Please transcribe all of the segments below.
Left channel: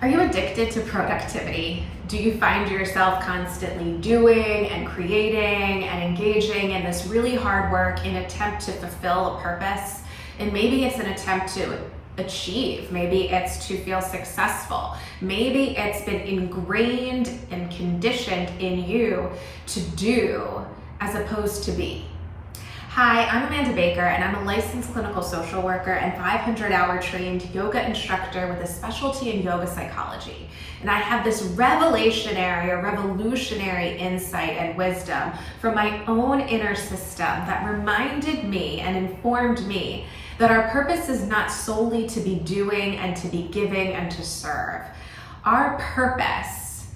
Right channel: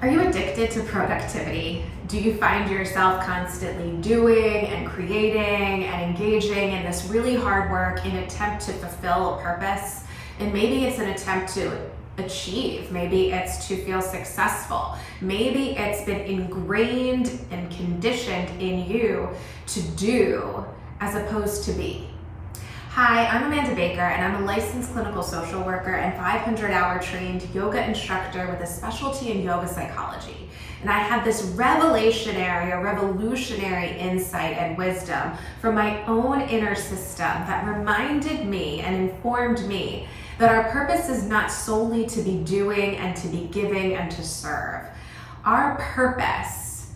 Are you addicted to productivity? Do you find yourself constantly doing and creating and engaging in this really hard work in an attempt to fulfill a purpose? And maybe it's an attempt to achieve, maybe it's to feel successful, maybe it's been ingrained and conditioned in you to do as opposed to be. Hi, I'm Amanda Baker, and I'm a licensed clinical social worker and 500-hour trained yoga instructor with a specialty in yoga psychology. And I had this revolutionary insight and wisdom from my own inner system that reminded me and informed me that our purpose is not solely to be doing and to be giving and to serve. Our purpose,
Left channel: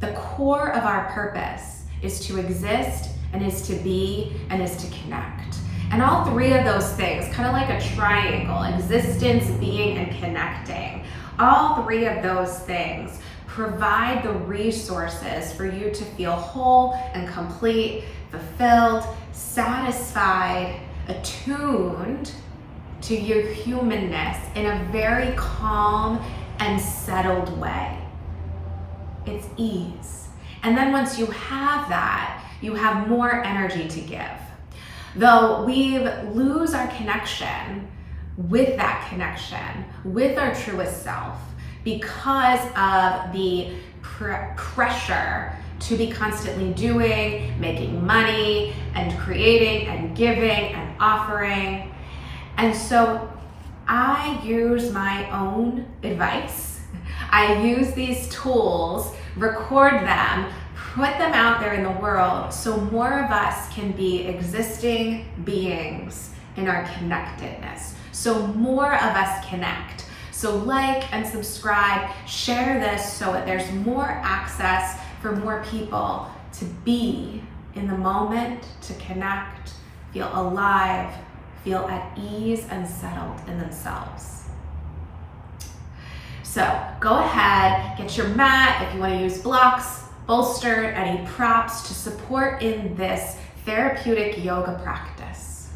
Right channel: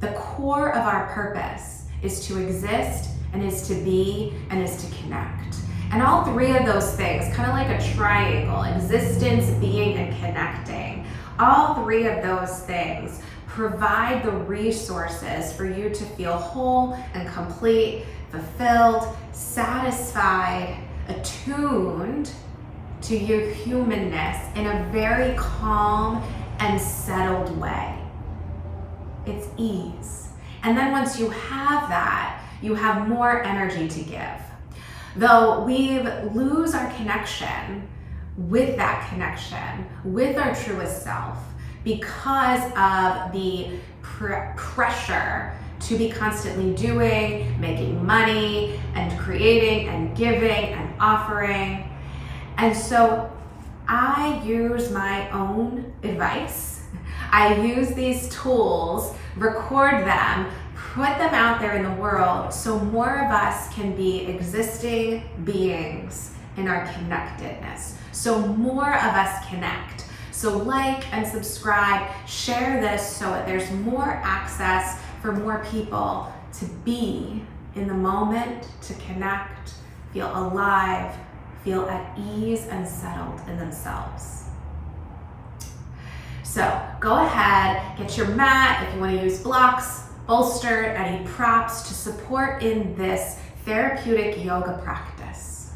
the core of our purpose, is to exist and is to be and is to connect. And all three of those things, kind of like a triangle, existence, being, and connecting, all three of those things provide the resources for you to feel whole and complete, fulfilled, satisfied, attuned to your humanness in a very calm and settled way. It's ease. And then once you have that, you have more energy to give. Though we lose our connection with that connection, with our truest self, because of the pressure to be constantly doing, making money, and creating, and giving, and offering. And so I use my own advice. I use these tools, record them, put them out there in the world so more of us can be existing beings in our connectedness. So more of us connect. So like and subscribe, share this so that there's more access for more people to be in the moment, to connect, feel alive, feel at ease and settled in themselves. So go ahead, get your mat if you want to use blocks, bolster, any props to support in this therapeutic yoga practice.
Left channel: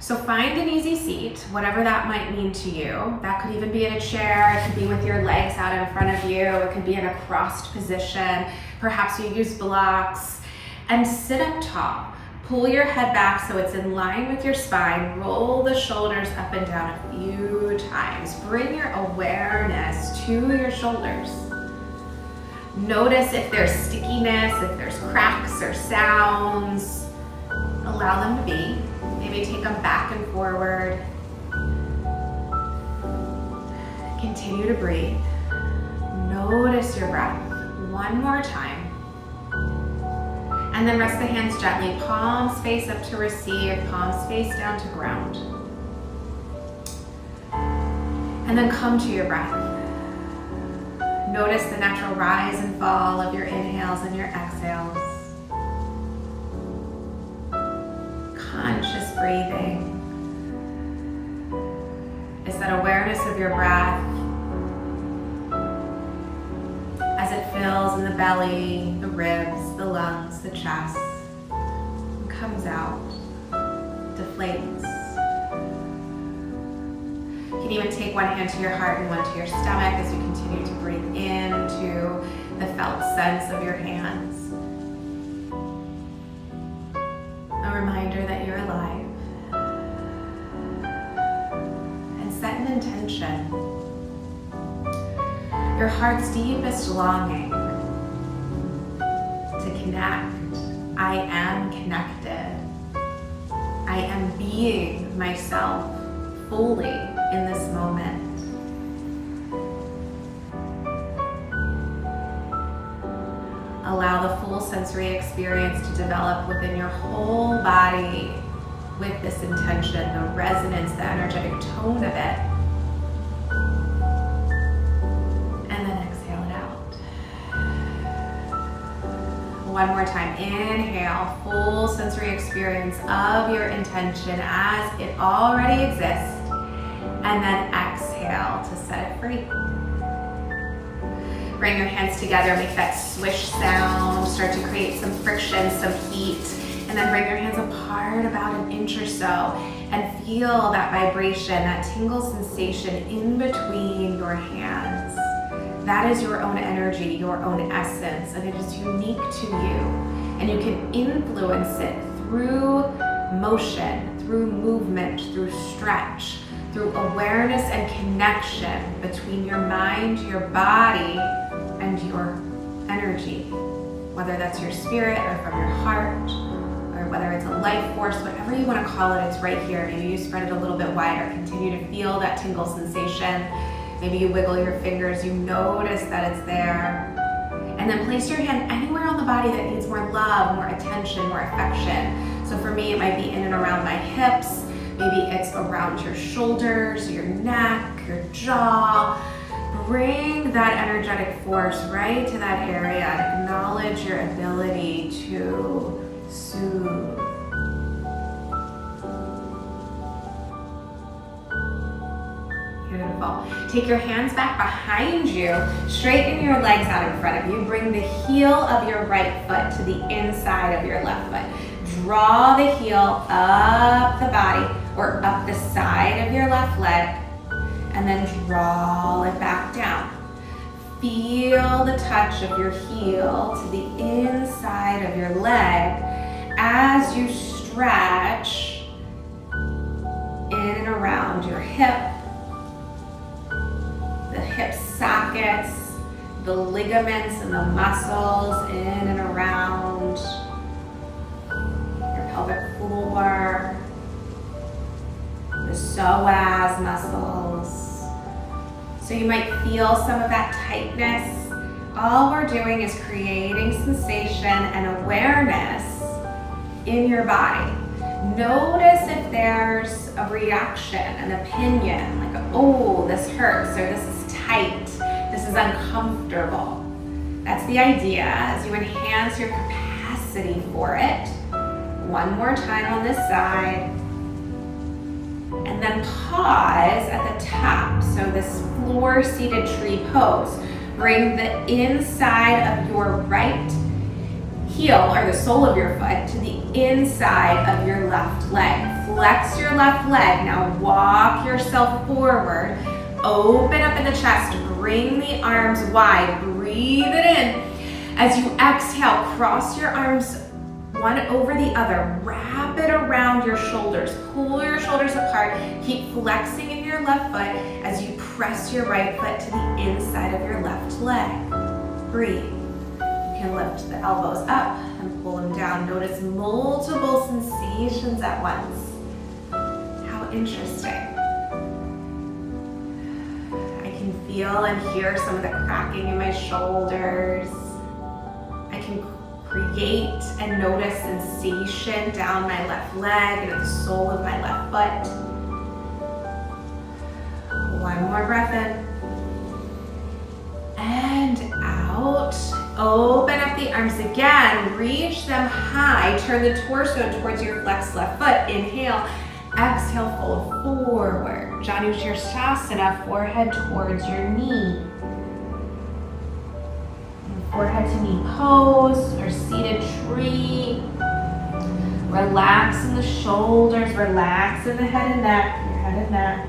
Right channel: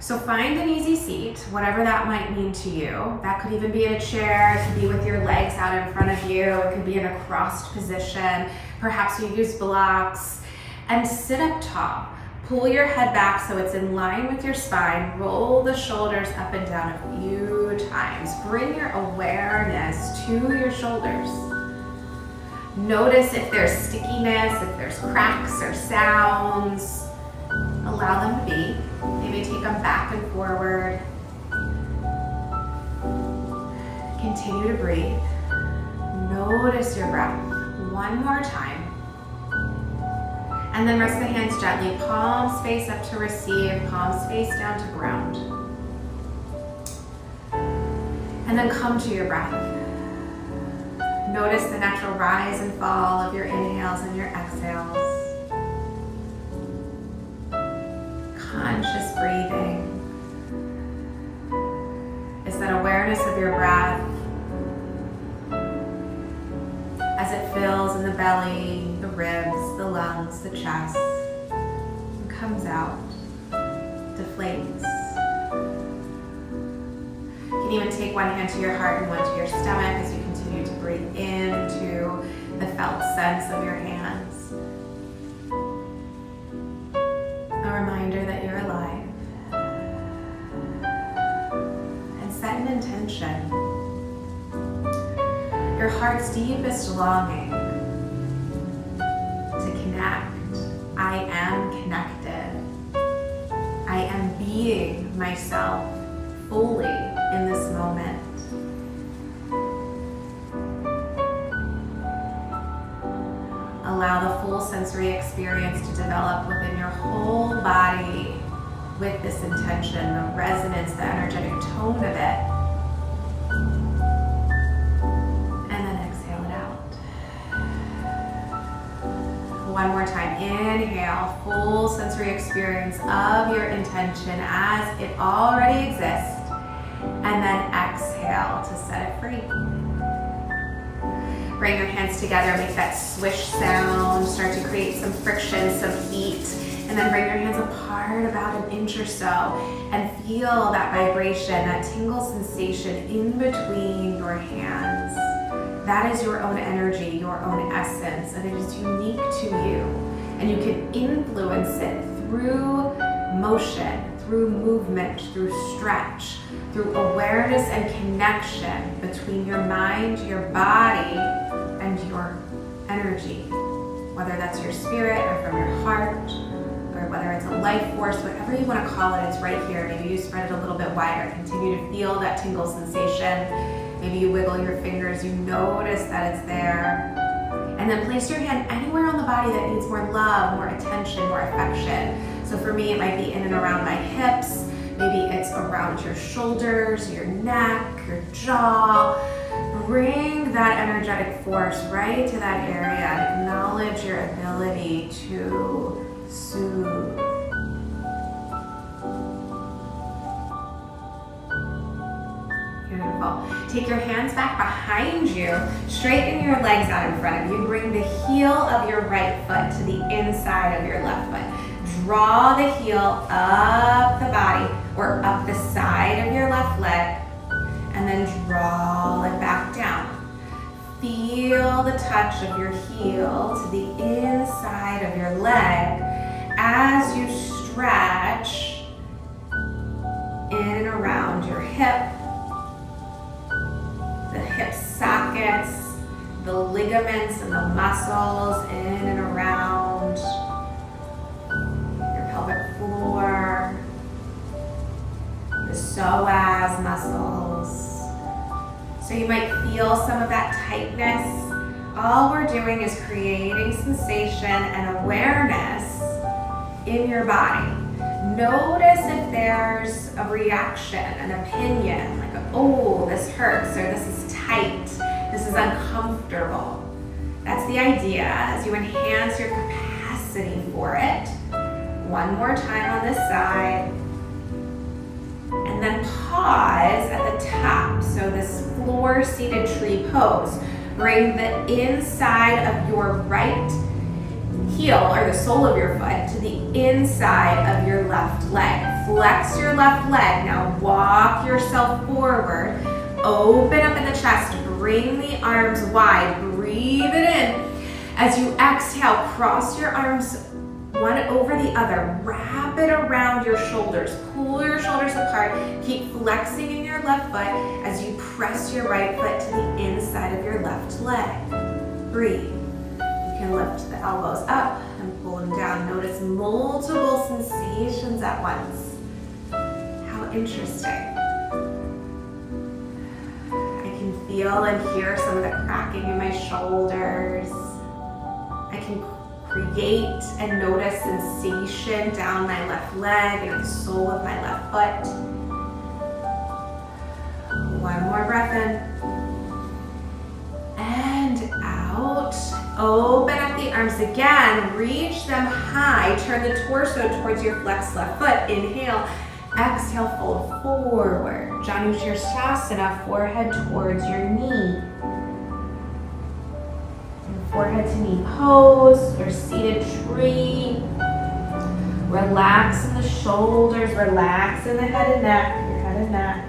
So find an easy seat, whatever that might mean to you. That could even be in a chair, it could be with your legs out in front of you, it could be in a crossed position, perhaps you use blocks, and sit up tall. Pull your head back so it's in line with your spine. Roll the shoulders up and down a few times. Bring your awareness to your shoulders. Notice if there's stickiness, if there's cracks or sounds. Allow them to be. Maybe take them back and forward. Continue to breathe. Notice your breath. One more time. And then rest the hands gently, palms face up to receive, palms face down to ground. And then come to your breath. Notice the natural rise and fall of your inhales and your exhales. Conscious breathing is that awareness of your breath as it fills in the belly, the ribs, the lungs, the chest, and comes out, deflates. You can even take one hand to your heart and one to your stomach as you continue to breathe into the felt sense of your hands. A reminder that you're alive. And set an intention. Your heart's deepest longing to connect. I am connected. I am being myself fully in this moment. Allow the full sensory experience to develop within your whole body with this intention, the resonance, the energetic tone of it. And then exhale it out. One more time. Inhale, full sensory experience of your intention as it already exists. And then exhale to set it free. Bring your hands together, make that swish sound, start to create some friction, some heat, And then bring your hands apart about an inch or so and feel that vibration, that tingle sensation in between your hands. That is your own energy, your own essence, and it is unique to you. And you can influence it through motion, through movement, through stretch, through awareness and connection between your mind, your body, and your energy. Whether that's your spirit or from your heart, or whether it's a life force, whatever you want to call it, it's right here. Maybe you spread it a little bit wider. Continue to feel that tingle sensation. Maybe you wiggle your fingers, you notice that it's there. And then place your hand anywhere on the body that needs more love, more attention, more affection. So for me, it might be in and around my hips. Maybe it's around your shoulders, your neck, your jaw. Bring that energetic force right to that area and acknowledge your ability to soothe. Beautiful. Take your hands back behind you, straighten your legs out in front of you. Bring the heel of your right foot to the inside of your left foot. Draw the heel up the body or up the side of your left leg, and then draw it back down. Feel the touch of your heel to the inside of your leg as you stretch in and around your hip, the hip sockets, the ligaments and the muscles in and around your pelvic floor, the psoas muscles. So you might feel some of that tightness. All we're doing is creating sensation and awareness in your body. Notice if there's a reaction, an opinion, like, oh, this hurts, or this is tight, this is uncomfortable. That's the idea, as you enhance your capacity for it. One more time on this side. And then pause at the top. So this floor-seated tree pose. Bring the inside of your right heel, or the sole of your foot, to the inside of your left leg. Flex your left leg. Now walk yourself forward. Open up in the chest. Bring the arms wide. Breathe it in. As you exhale, cross your arms one over the other. Wrap it around your shoulders. Pull your shoulders apart. Keep flexing in your left foot as you press your right foot to the inside of your left leg. Breathe. You can lift the elbows up and pull them down. Notice multiple sensations at once. How interesting. I can feel and hear some of the cracking in my shoulders. I can create and notice sensation down my left leg and at the sole of my left foot. One more breath in. And out. Open up the arms again. Reach them high. Turn the torso towards your flexed left foot. Inhale. Exhale, fold forward. Janu Shirsasana, forehead towards your knee. Forehead to knee pose or seated tree. Relax in the shoulders, relax in the head and neck, your head and neck.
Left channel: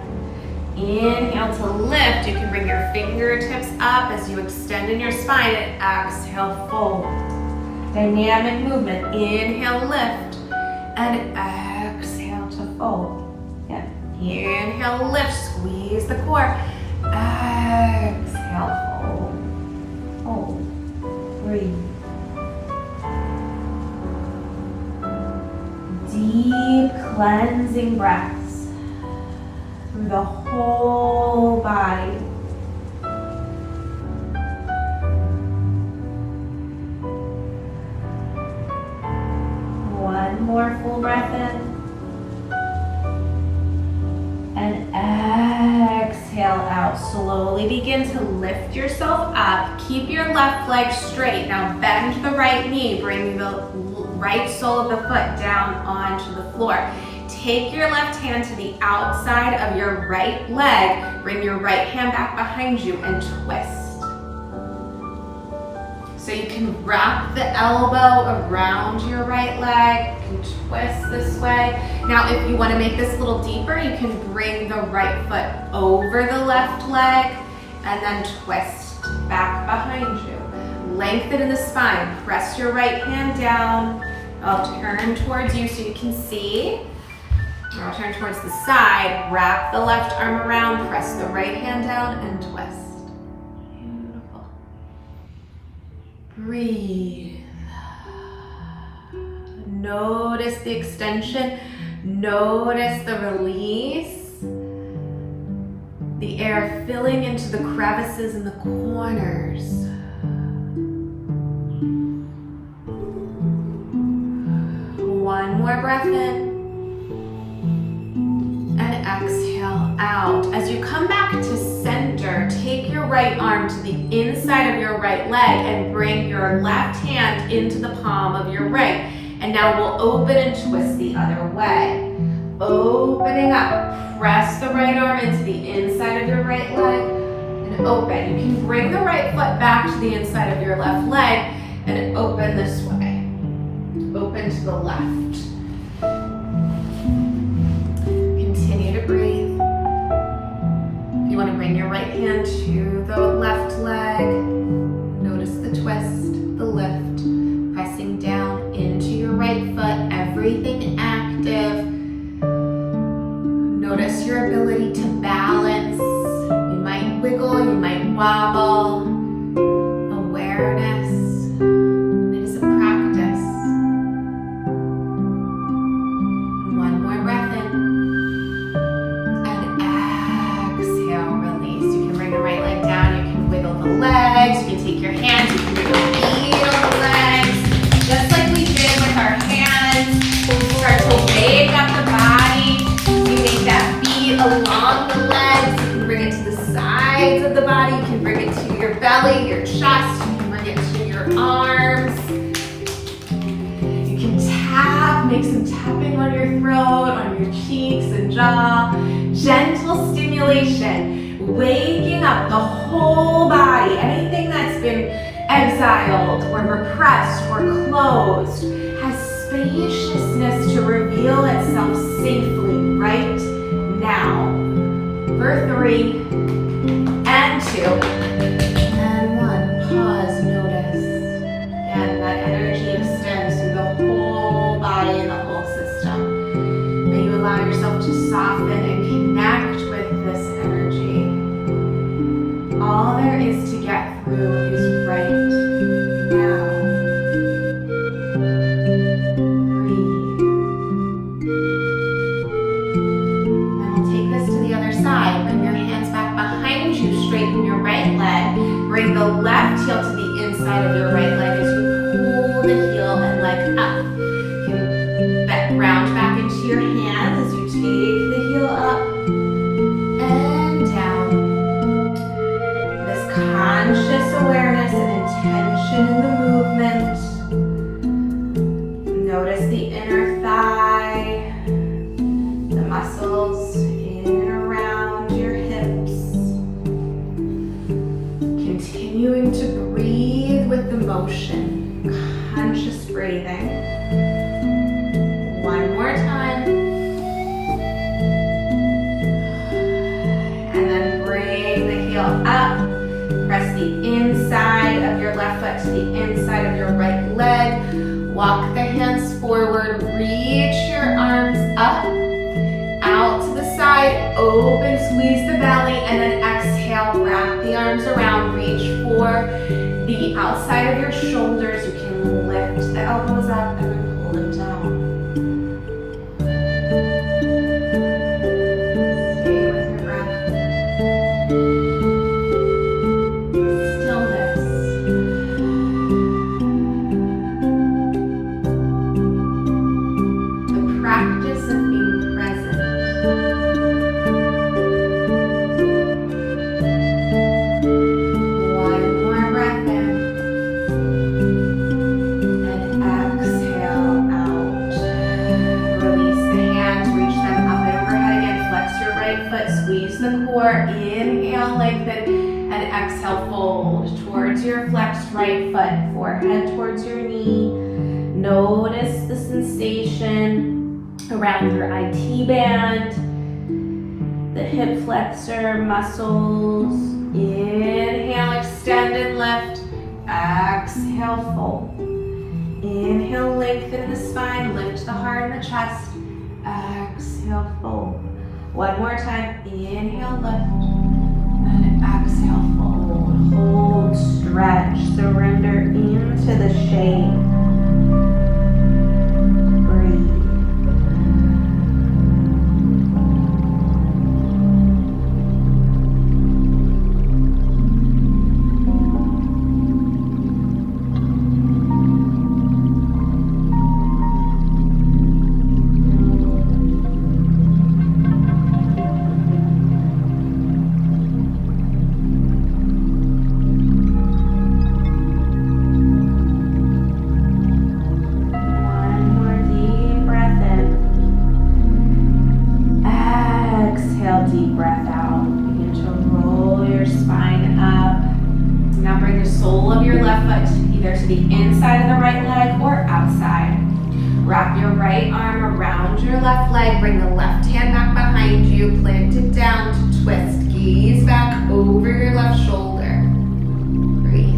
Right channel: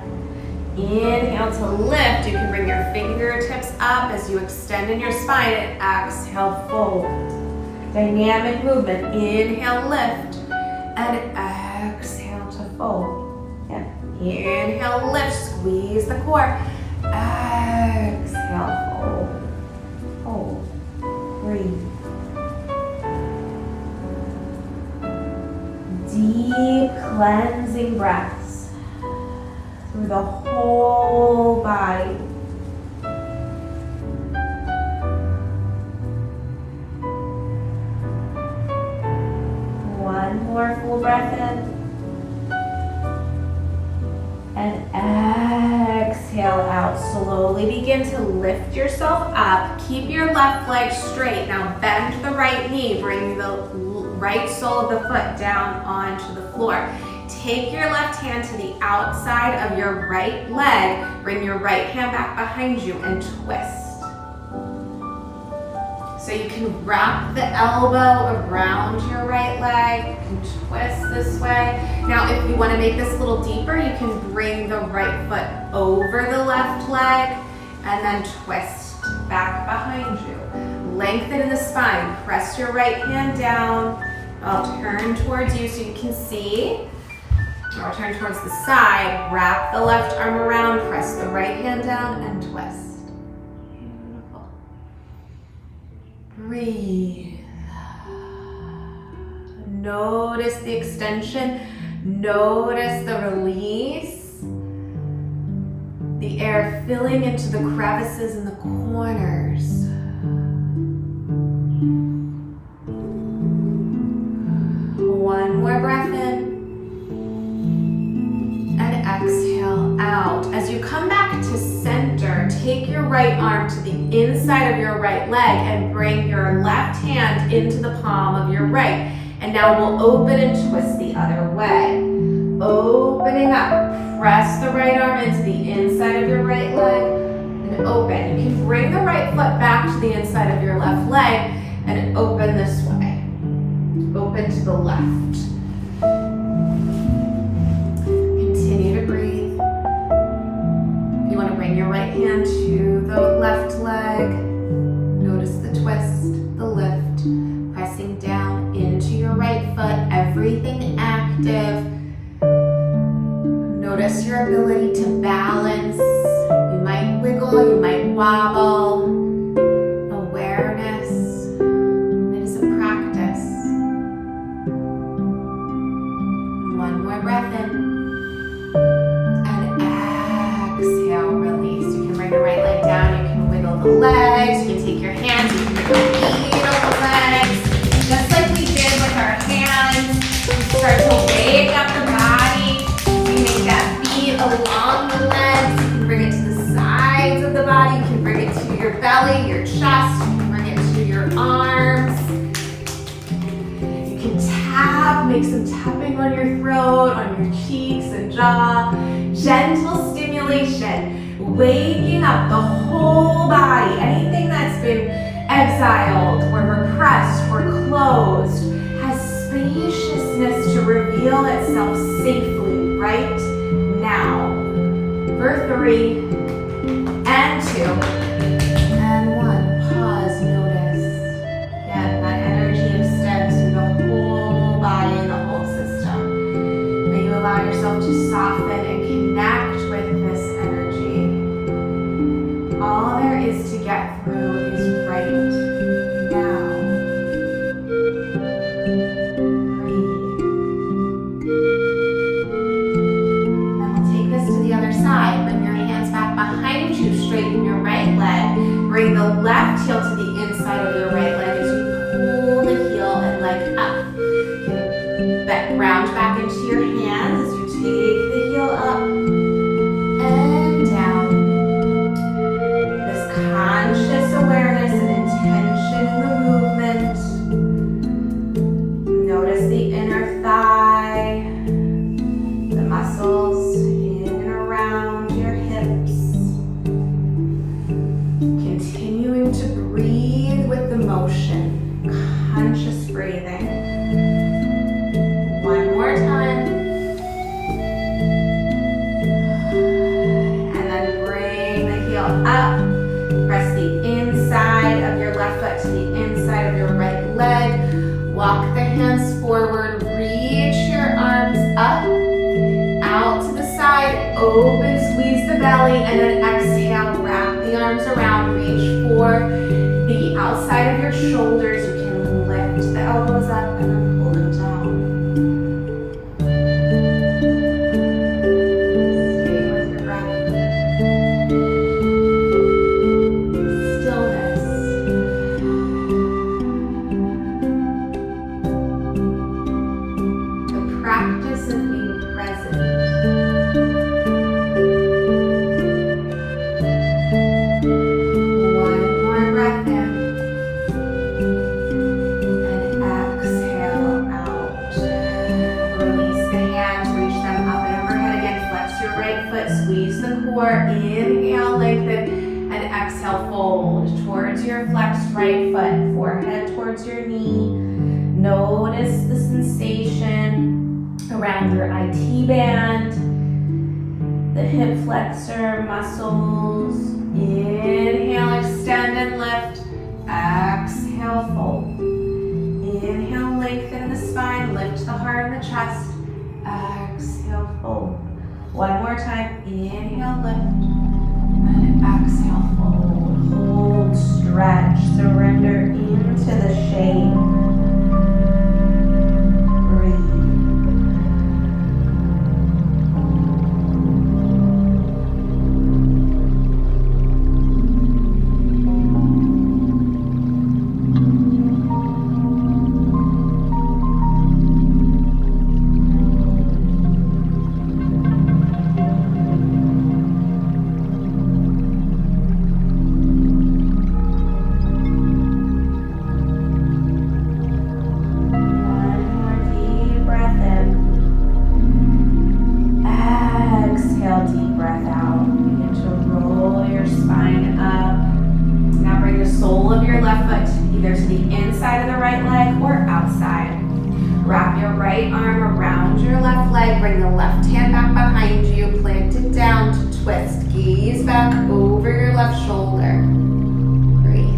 Inhale to lift. You can bring your fingertips up as you extend in your spine, and exhale, fold. Dynamic movement. Inhale, lift, and exhale to fold. Yeah. Inhale, lift, squeeze the core. Exhale, fold. Hold. Breathe. Deep cleansing breaths through the whole body. One more full breath in. And exhale out. Slowly begin to lift yourself up. Keep your left leg straight. Now bend the right knee. Bring the right sole of the foot down onto the floor. Take your left hand to the outside of your right leg. Bring your right hand back behind you and twist. So you can wrap the elbow around your right leg, you can twist this way. Now if you want to make this a little deeper, you can bring the right foot over the left leg and then twist back behind you. Lengthen in the spine, press your right hand down. I'll turn towards you so you can see. I'll turn towards the side, wrap the left arm around, press the right hand down and twist. Beautiful. Breathe. Notice the extension, notice the release. The air filling into the crevices in the corners. One more breath in. And exhale out. As you come back to center, take your right arm to the inside of your right leg and bring your left hand into the palm of your right. And now we'll open and twist the other way. Opening up, press the right arm into the inside of your right leg and open. You can bring the right foot back to the inside of your left leg and open this way. Open to the left. Continue to breathe. You want to bring your right hand to the left leg. Notice the twist, the lift, pressing down into your right foot, everything active. Notice your ability to balance. You might wiggle, you might wobble. Awareness. It is a practice. One more breath in. And exhale, release. You can bring the right leg down, you can wiggle the legs, you can take your hands, you can bring your feet on the legs. Just like we did with our hands. Start to wake up the body. Make that beat along the legs. You can bring it to the sides of the body. You can bring it to your belly, your chest. You can bring it to your arms. You can tap, make some tapping on your throat, on your cheeks and jaw. Gentle stimulation, waking up the whole body. Anything that's been exiled or repressed or closed has spaciousness to reveal itself safely right now. For 3 and 2 and 1. Pause, notice. Again, that energy extends through the whole body and the whole system. May you allow yourself to soften and connect with this energy. All there is to get through is right now. Side. Bring your hands back behind you, straighten your right leg, bring the left heel to the inside of your right leg as you pull the heel and leg up. You can round back into your hands as you take the heel up and down. This conscious awareness and intention in the movement. Notice the inner thigh, the muscles to breathe with the motion, conscious breathing. One more time. And then bring the heel up. Press the inside of your left foot to the inside of your right leg. Walk the hands forward. Reach your arms up, out to the side. Open, squeeze the belly, and then exhale. Wrap the arms around. Reach for the outside of your shoulders. You can lift the elbows up and then pull them down. Stay with your breath. Stillness. The practice of being present. Inhale, lengthen, and exhale, fold towards your flexed right foot, forehead towards your knee. Notice the sensation around your IT band, the hip flexor muscles. Inhale, extend and lift. Exhale, fold. Inhale, lengthen the spine, lift the heart and the chest. Exhale, fold. One more time. Inhale, lift. And exhale, fold. Hold, stretch, surrender into the shape. Breathe. To the inside of the right leg or outside. Wrap your right arm around your left leg. Bring the left hand back behind you. Plant it down to twist. Gaze back over your left shoulder. Breathe.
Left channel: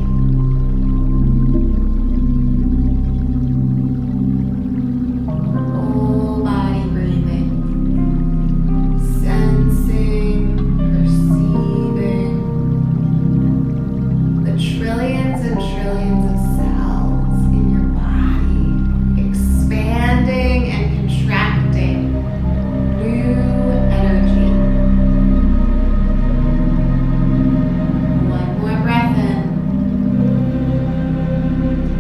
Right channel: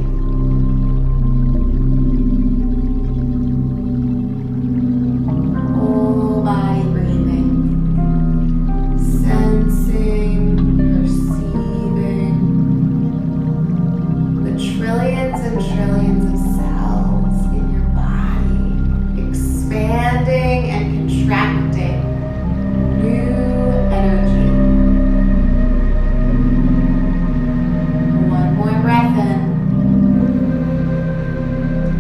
Whole body breathing. Sensing, perceiving the trillions and trillions of cells in your body, expanding and contracting new energy. One more breath in.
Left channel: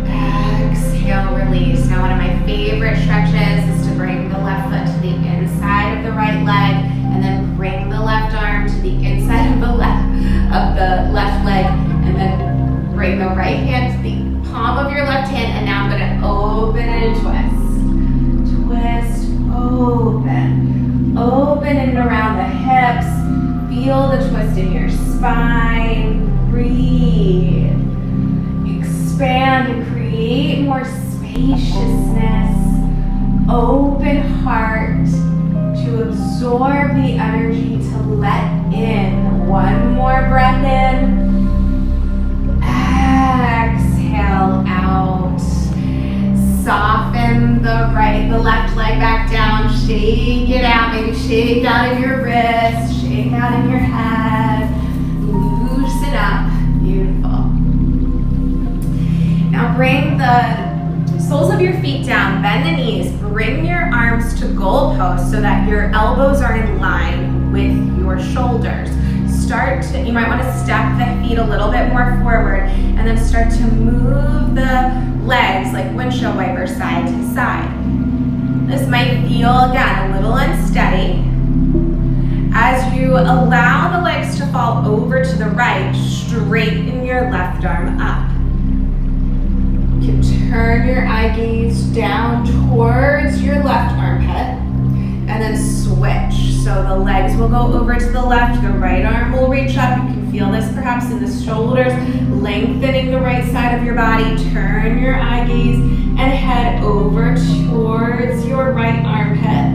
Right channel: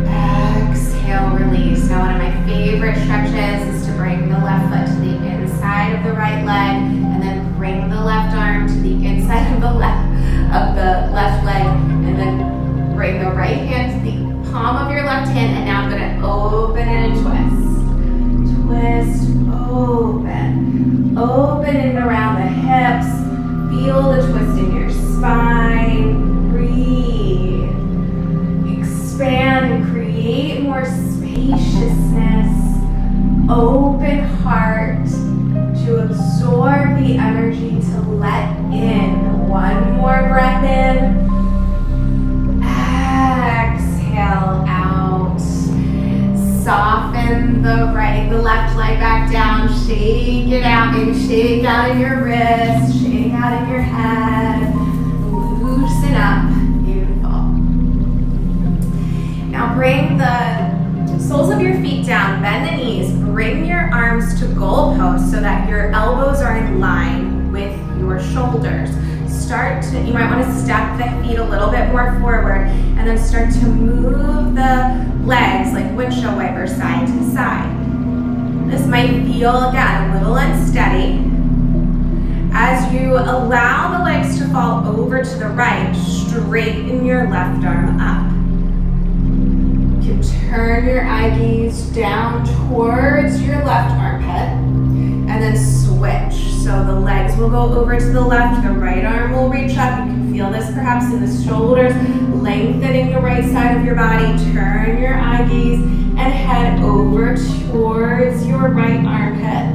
Exhale, release. Now one of my favorite stretches is to bring the left foot to the inside of the right leg and then bring the left arm to the inside of the left leg and then bring the right hand to the palm of your left hand, and now I'm going to open and twist. Twist, open. Open and around the hips. Feel the twist in your spine. Breathe. Expand and create more spaciousness. Open heart to absorb the energy to let in. One more breath in. Exhale out. Soften the left leg back down. Shake it out. Maybe shake out in your wrist. Shake out in your head. Loosen up. Beautiful. Now bring the soles of your feet down. Bend the knees. Bring your arms to goalposts so that your elbows are in line with your shoulders. You might want to step the feet a little bit more forward and then start to move the legs like windshield wipers side to side. This might feel, again, a little unsteady. As you allow the legs to fall over to the right, straighten your left arm up. You can turn your eye gaze down towards your left armpit and then switch. So the legs will go over to the left, the right arm will reach up. You can feel this perhaps in the shoulders, lengthening the right side of your body. Turn your eye gaze and head over towards your right armpit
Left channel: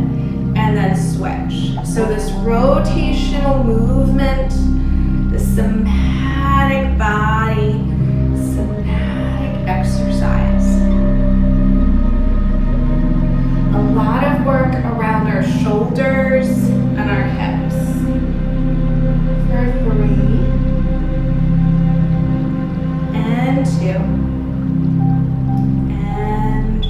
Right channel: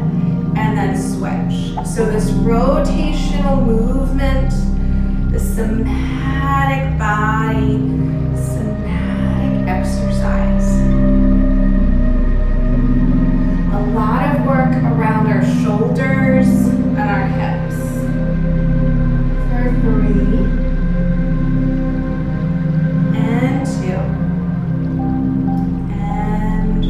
and then switch. So this rotational movement, the somatic body, somatic exercise. A lot of work around our shoulders and our hips. For 3 and 2 and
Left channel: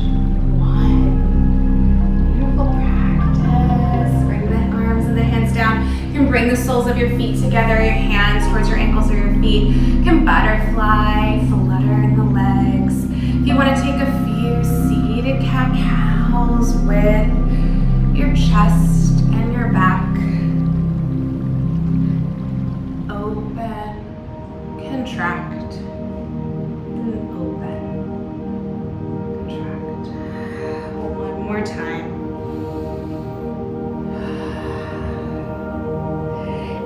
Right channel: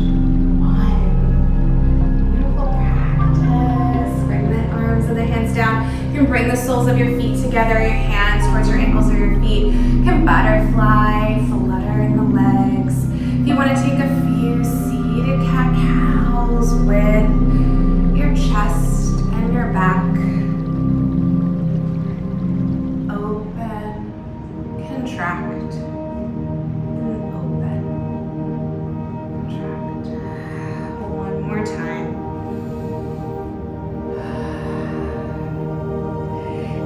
1. Beautiful practice. Bring the arms and the hands down. You can bring the soles of your feet together, your hands towards your ankles or your feet. You can butterfly, flutter in the legs. If you want to take a few seated cat-cows with your chest and your back. Open, contract, and open, contract. One more time.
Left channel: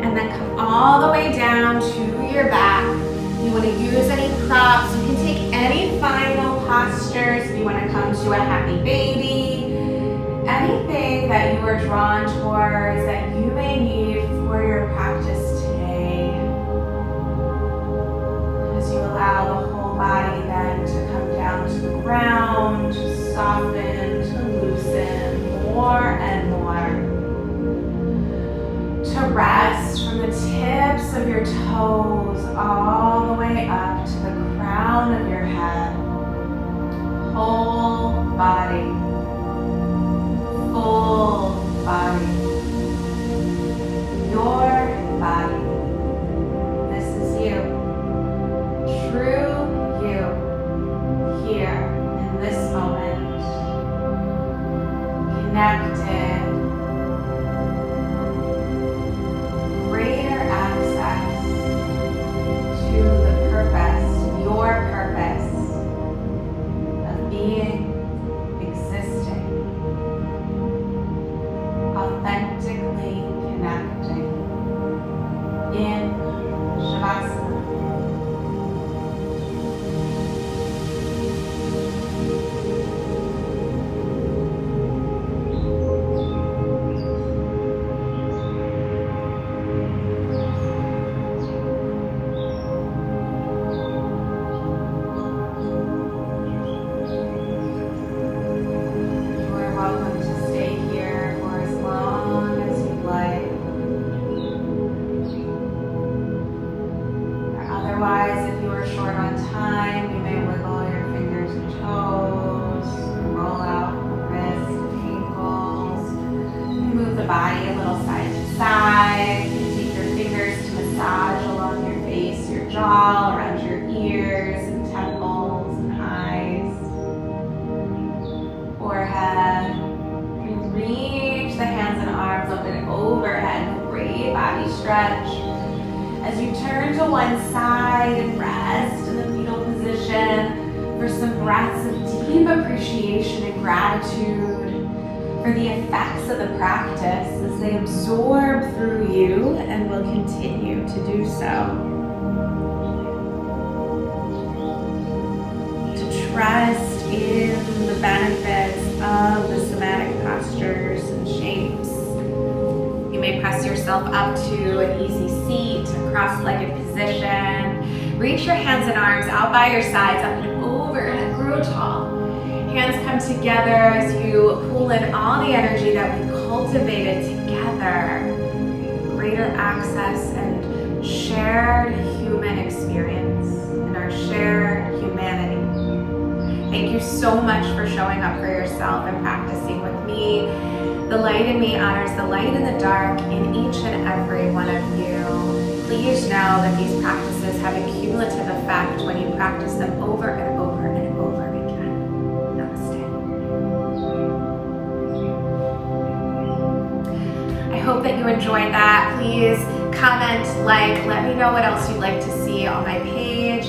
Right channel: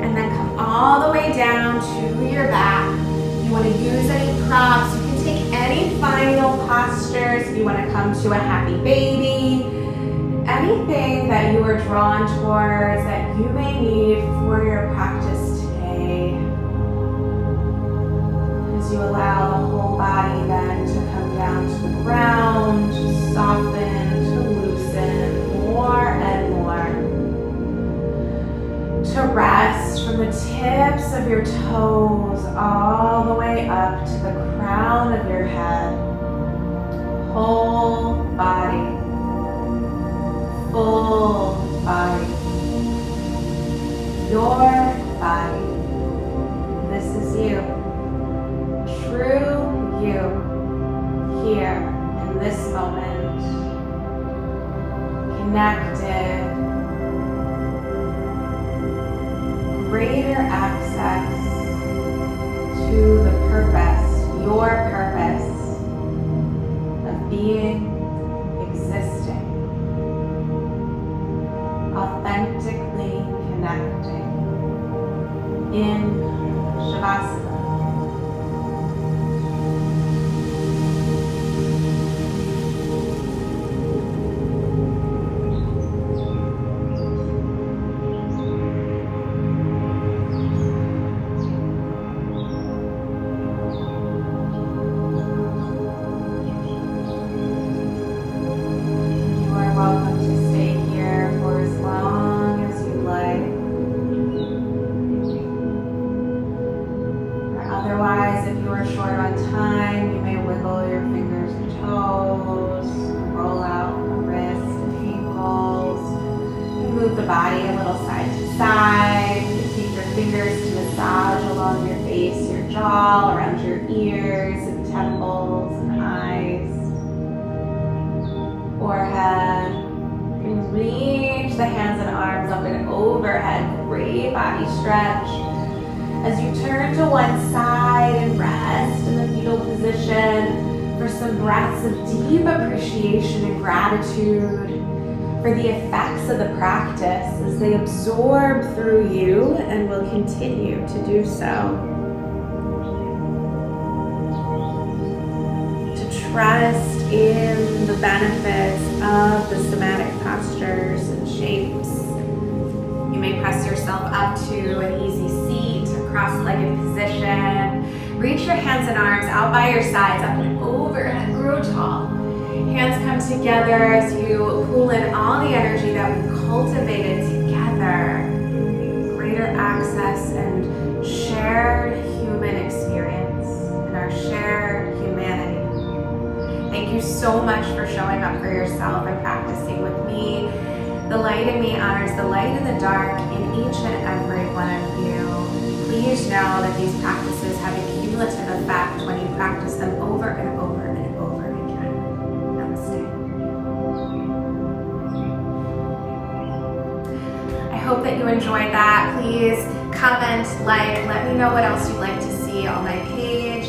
And then come all the way down down to your back. You want to use any props. You can take any final postures. If you want to come to a happy baby, anything that you are drawn towards that you may need for your practice today. As you allow the whole body then to come down to the ground, to soften, to loosen more and more. To rest from the tips of your toes all the way up to the crown of your head. Whole body. Full body. Your body. This is you. True you. Here in this moment. Connected. Greater access to the purpose, your purpose of being, existing, authentically connecting in Shavasana. Body a little side to side. You can take your fingers to massage along your face, your jaw, around your ears and temples and eyes, forehead. You can reach the hands and arms up and overhead. Great body stretch. As you turn to one side and rest in the fetal position for some breaths of deep appreciation and gratitude for the effects of the practice as they absorb through you and will continue to do so. To trust in the benefits of the somatic postures and shapes. You may press yourself up to an easy seat, a cross-legged position. Reach your hands and arms out by your sides, up and overhead, grow tall. Hands come together as you pull in all the energy that we cultivated together. Greater access and shared human experience and our shared humanity. Thank you so much for showing up for yourself and practicing with me. The light in me honors the light in the dark in each and every one of you. Please know that these practices have a cumulative effect when you practice them over and over and over again. I hope that you enjoyed that. Please comment, like, let me know what else you'd like to see on my page.